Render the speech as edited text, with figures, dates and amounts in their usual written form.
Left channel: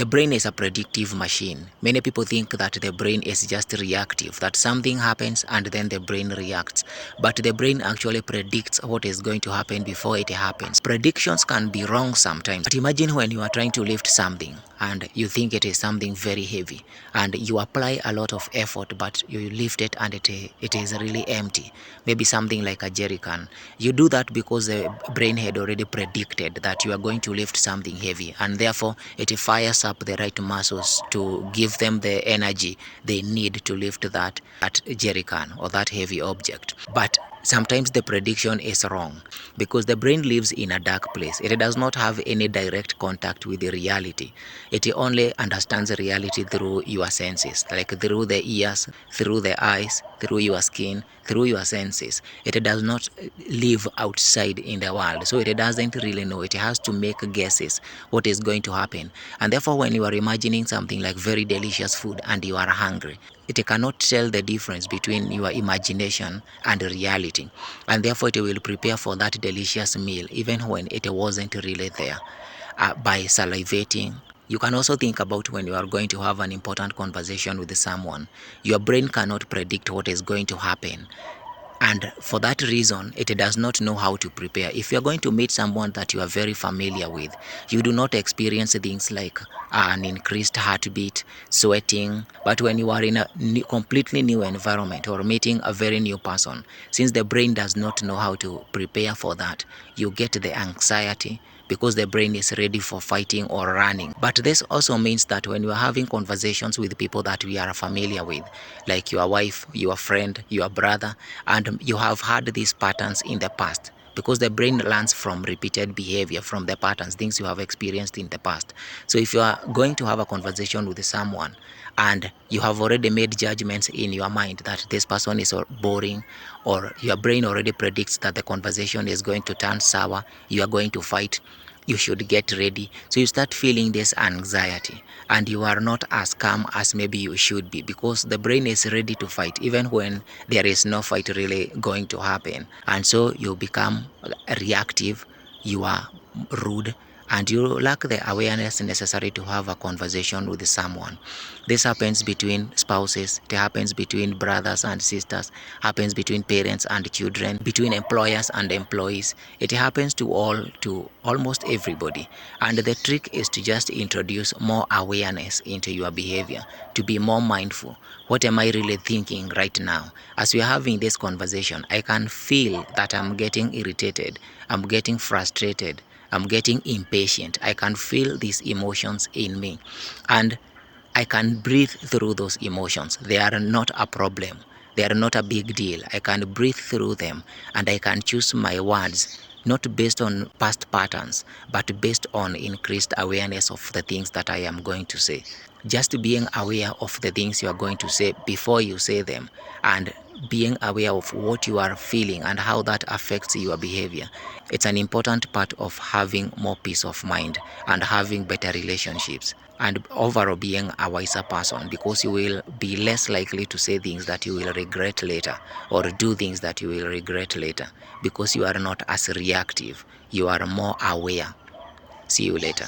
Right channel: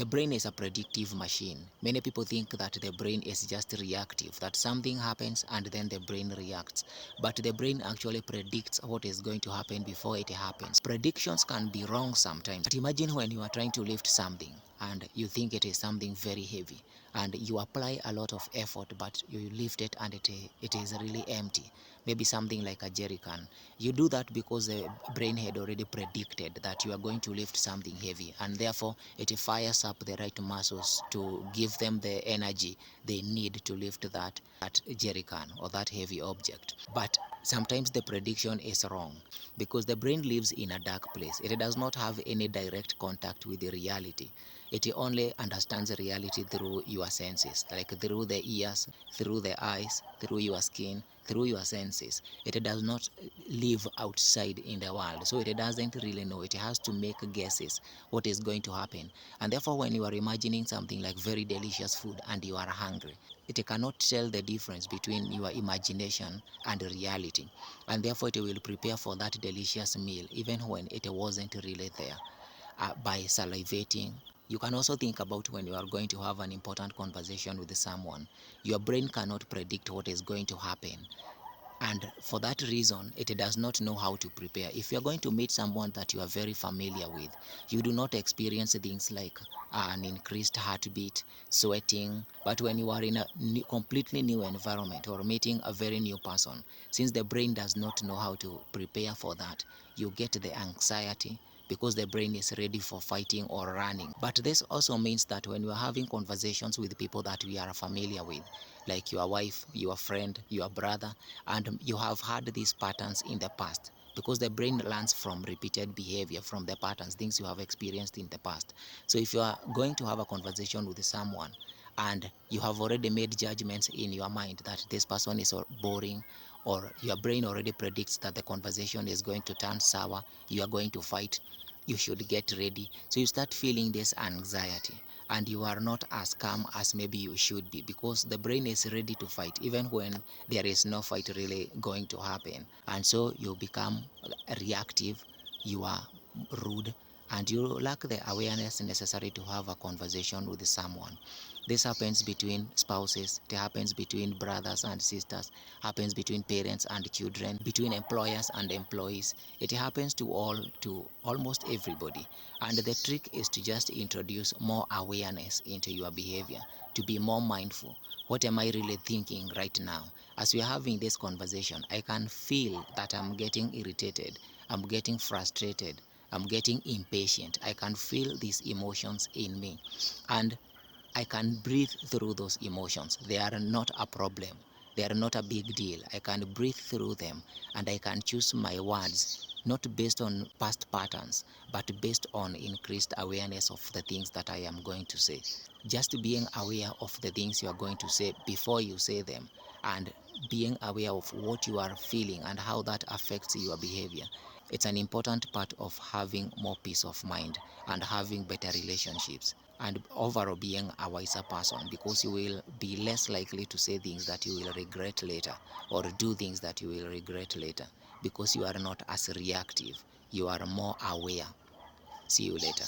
The brain is a predictive machine. Many people think that the brain is just reactive, that something happens and then the brain reacts. But the brain actually predicts what is going to happen before it happens. Predictions can be wrong sometimes. But imagine when you are trying to lift something and you think it is something very heavy and you apply a lot of effort, but you lift it and it is really empty. Maybe something like a jerry can. You do that because the brain had already predicted that you are going to lift something heavy, and therefore it fires up the right muscles to give them the energy they need to lift that jerry can or that heavy object. But sometimes the prediction is wrong because the brain lives in a dark place. It does not have any direct contact with the reality. It only understands reality through your senses, like through the ears, through the eyes, through your skin, through your senses. It does not live outside in the world, so it doesn't really know. It has to make guesses what is going to happen. And therefore, when you are imagining something like very delicious food and you are hungry, it cannot tell the difference between your imagination and reality, and therefore it will prepare for that delicious meal even when it wasn't really there, by salivating. You can also think about when you are going to have an important conversation with someone. Your brain cannot predict what is going to happen, and for that reason it does not know how to prepare. If you are going to meet someone that you are very familiar with, you do not experience things like an increased heartbeat, sweating. But when you are in a completely new environment or meeting a very new person, since the brain does not know how to prepare for that, you get the anxiety because the brain is ready for fighting or running. But this also means that when you are having conversations with people that we are familiar with, like your wife, your friend, your brother, and you have had these patterns in the past, because the brain learns from repeated behavior, from the patterns, things you have experienced in the past. So if you are going to have a conversation with someone and you have already made judgments in your mind that this person is boring, or your brain already predicts that the conversation is going to turn sour, you are going to fight, you should get ready. So you start feeling this anxiety and you are not as calm as maybe you should be, because the brain is ready to fight even when there is no fight really going to happen. And so you become reactive, you are rude, and you lack the awareness necessary to have a conversation with someone. This happens between spouses, it happens between brothers and sisters, happens between parents and children, between employers and employees. It happens to almost everybody. And the trick is to just introduce more awareness into your behavior, to be more mindful. What am I really thinking right now? As we are having this conversation, I can feel that I'm getting irritated, I'm getting frustrated, I'm getting impatient. I can feel these emotions in me, and I can breathe through those emotions. They are not a problem. They are not a big deal. I can breathe through them, and I can choose my words not based on past patterns, but based on increased awareness of the things that I am going to say. Just being aware of the things you are going to say before you say them, and being aware of what you are feeling and how that affects your behavior. It's an important part of having more peace of mind and having better relationships, and overall being a wiser person, because you will be less likely to say things that you will regret later, or do things that you will regret later, because you are not as reactive, you are more aware. See you later.